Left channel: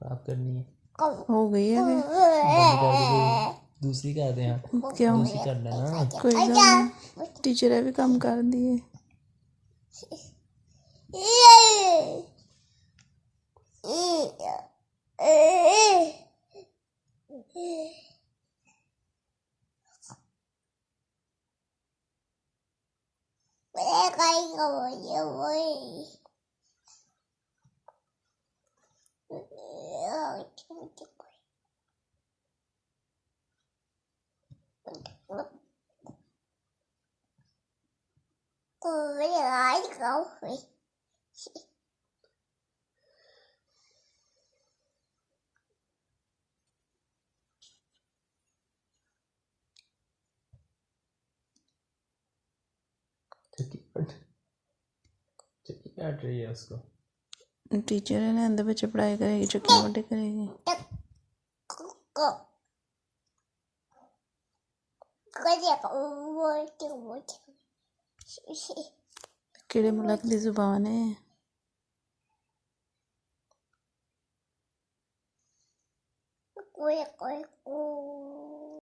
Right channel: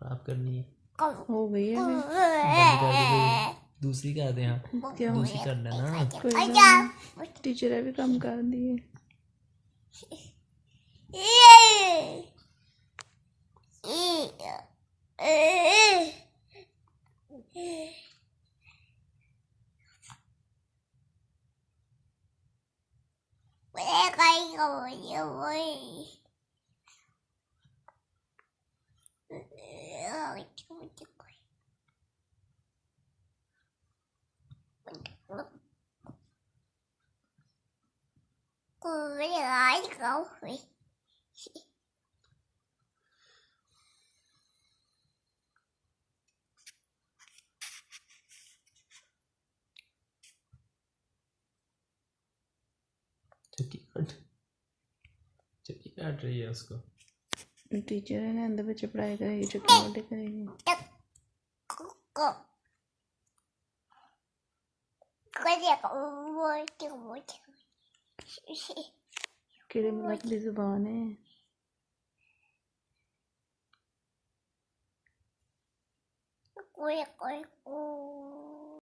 खराब करनी है, हो गई है बंद कर दे, दूसरी कर दे। हाँ क्यों? दूसरी कर लेना। कोई बात नहीं, टीचर है भी कम कर दिए। चुट्टी काट रही है उसको। टीचर है ना, अंदर बच्चे पढ़ाई करेगी, चुटकी मोटी करेगी। कीड़े मुलाक दी जुबान है।